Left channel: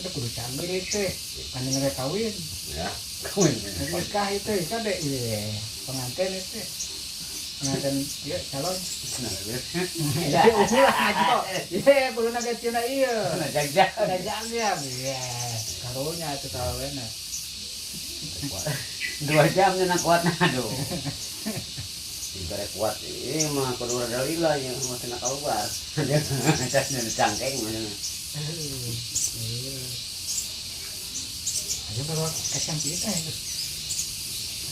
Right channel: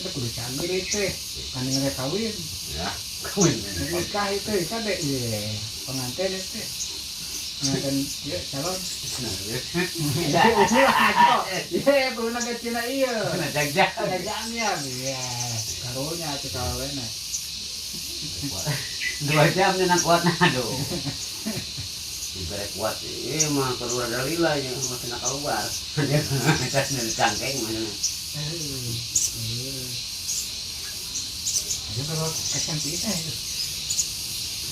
Kita kudu canggih itu, kan nggak kawin. Ya, kawin. Nikah itu kan deh, pengantin itu, pengantin dia calon. Ya, ulah ngaco. Iya, kudu naga Cina iya. Jagjak. Jajannya, iya. Karunya tuh kawinnya. 2 jam na kuat na do. Ibarat kuat mah kudu ada lila nya masih nak keluar. Cas na cangkeng mana. Ayo kalau kacang kita itu.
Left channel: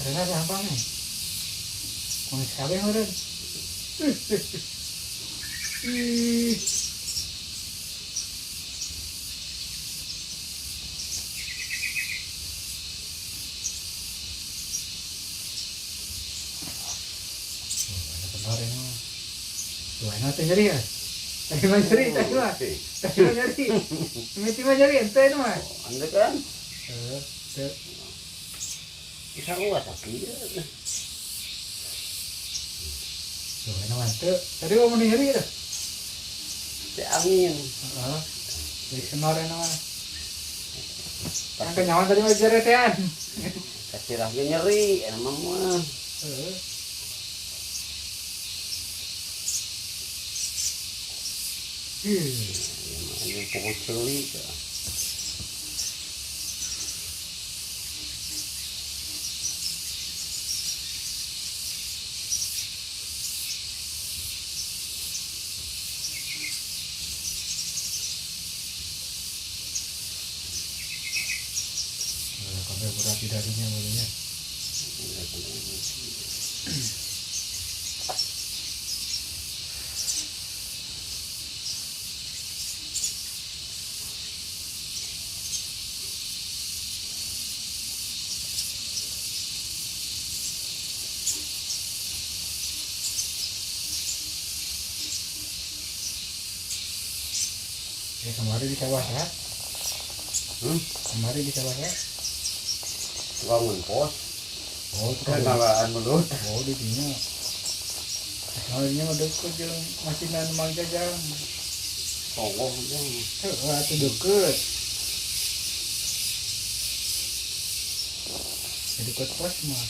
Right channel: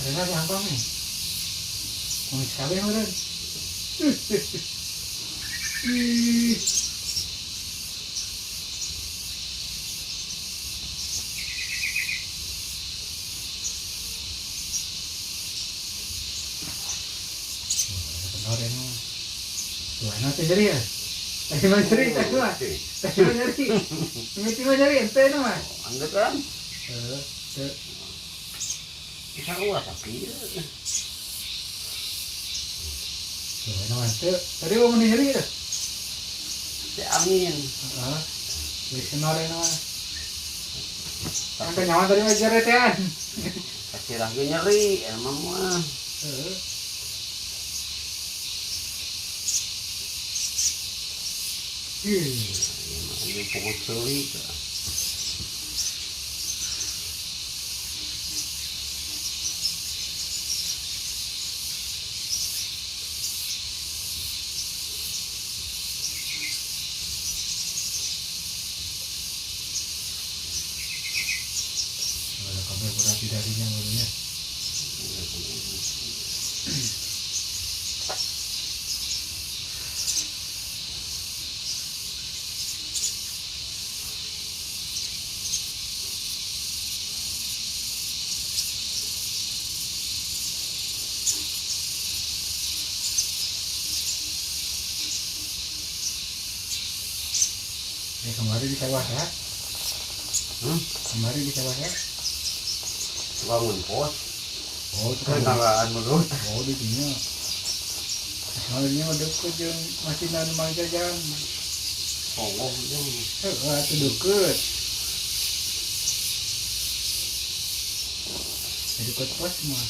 Ada gampang nih. Mau sekali meren. Orang mah, dua nanti jadi ya. Tadi mah jadi, tadi mah jadi. Ini mah jadi ente mah. Angkat kan? Tuh. Bisa kuat tapi. Dua nanti. Tadi mau menjadi ya. Angin. Jadi senor mah. Sampai nyaman tadi mah jeretan. Kasih lagi nyeri, emang mah. Ini pokok curi. Kalau berat darinya barunya. Kemarin di sawah ya? Kemarin di sawah ya? Bangun pos. Oh, itu Kan ngalaan menurut. Oh, di sini. Halnya ada kerja masih nanam jajan. Songong Itu deket. Deket pos mah.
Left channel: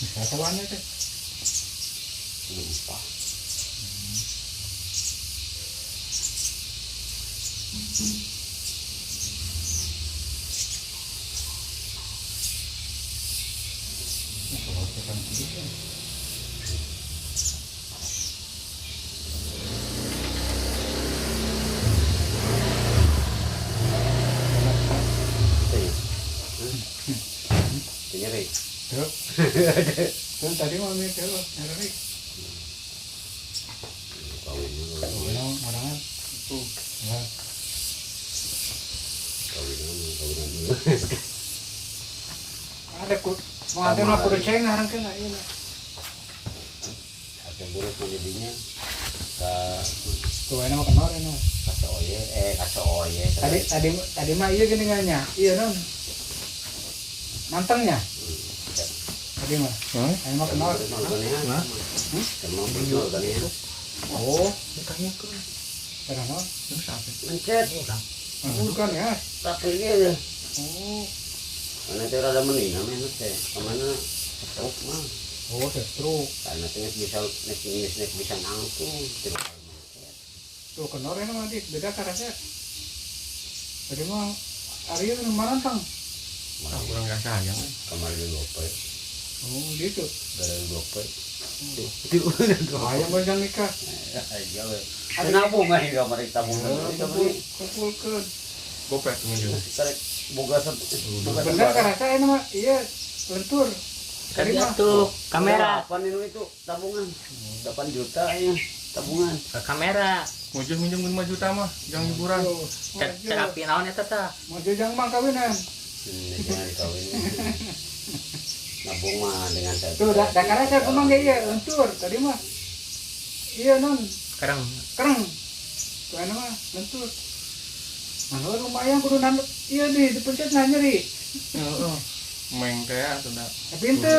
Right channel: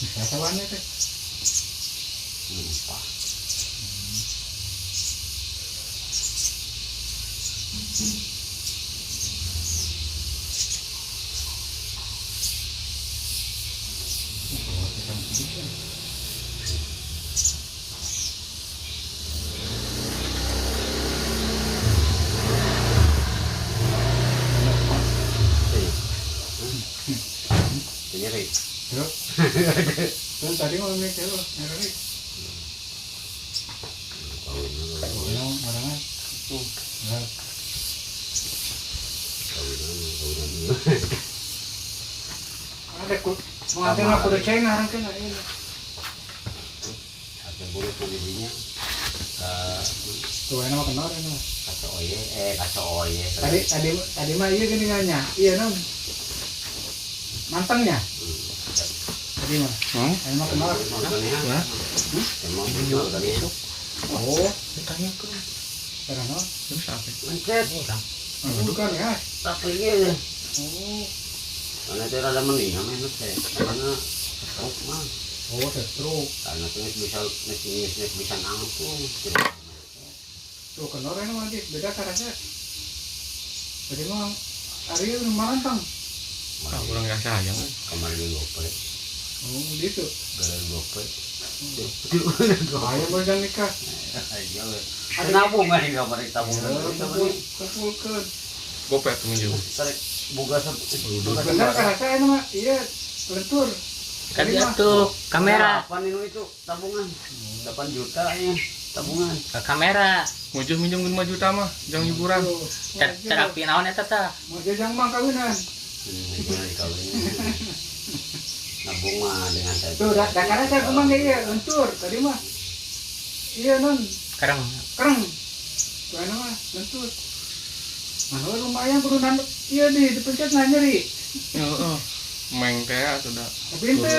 Bisa sawahnya teh. lupa. Nyeri. Kan tadi mau mikir lo, nyeri. Kalau orang itu, ya. Ada kut, mau ada nggak kudu ceng ngarang kena ini. Ada buruk penjadinya. Tuh enak kenal enak. Kaso oye. Tadi mah iya gini nganya, iya non. Mantengnya. Tadi mah. Enak kenal. Hah? Emang betul tadi itu. Oh, bukannya ke. Karena non. Mencet. Bukan ya. Tapi ini. Oh. Karena itu ada mending, namanya teh. Karena stroke mah. Oh, stroke. Karena itu bisa ngangkung. Tuh kenal enak mah beda karasnya. Tadi mah hari ini marantang. Kurang gak sayang. Kemarin di gope. Oh, gitu. Gara gope. Ayo baca nikah. Iya we. Ada nabung kan di kamar tabung. Kumpulkan. Gopet minjem. Tarik boga Benar karasa enak mah iya lentur. Kan dia tuh kamera. Kapan itu tabungan? 8 juta ya tabungan. Ke kamera. Mujur minjem 5 juta mah, jangan hiburan. Terapi naon eta teh? Mau jajang mah kawinan. Jangan dikawin. Nabung mah dengan saya. Tuh dakarnya saya kemang iya lentur tadi mah. Iya non. Kereng. Tuh enak mah lentur. Mana lumayan kudu nanduk. Iya dipencet nyeri. Heeh. Meng teh sudah. Tapi ente